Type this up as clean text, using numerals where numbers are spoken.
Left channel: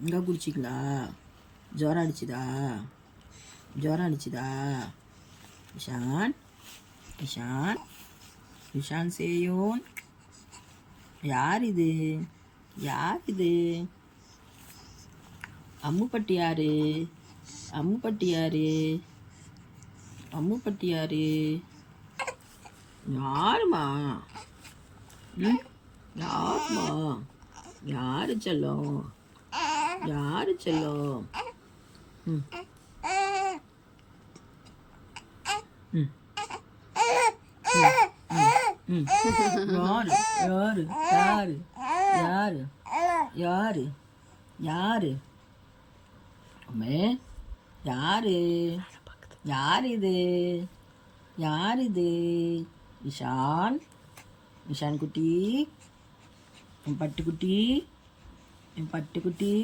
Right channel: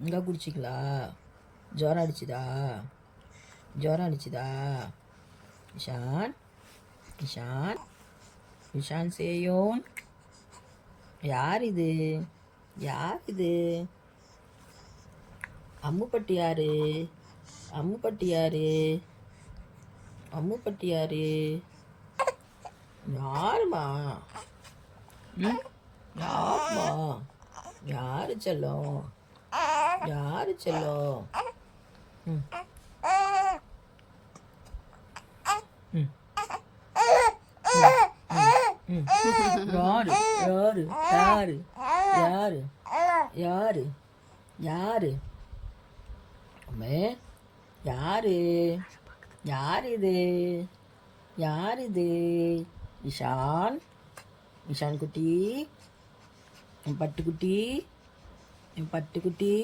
இங்கே குடிச்சிங்களா? ஜுரம் அடிச்சுதா? ஜுரம் அடிச்சுதா? இஷான் இஷான் இஷான் சேயோன். யார் இது? யார் இது? அம்முப்பட்டி யாரு? அம்முப்பட்டி யாரு? அம்முப்பட்டி யாரு? யாருமா? ம், யாருமா? யாரு செல்லம்? யாரு செல்லம்? ம் ம் ம். யாரு? யாரு? யாரு? யாரு? யாரு? யாரு? அம்மே, யாரு? யார் இது? யார் இது? இஷான் இஷான் குட்டி, என் பட்டுக்குட்டி, என் பட்டுக்குட்டி.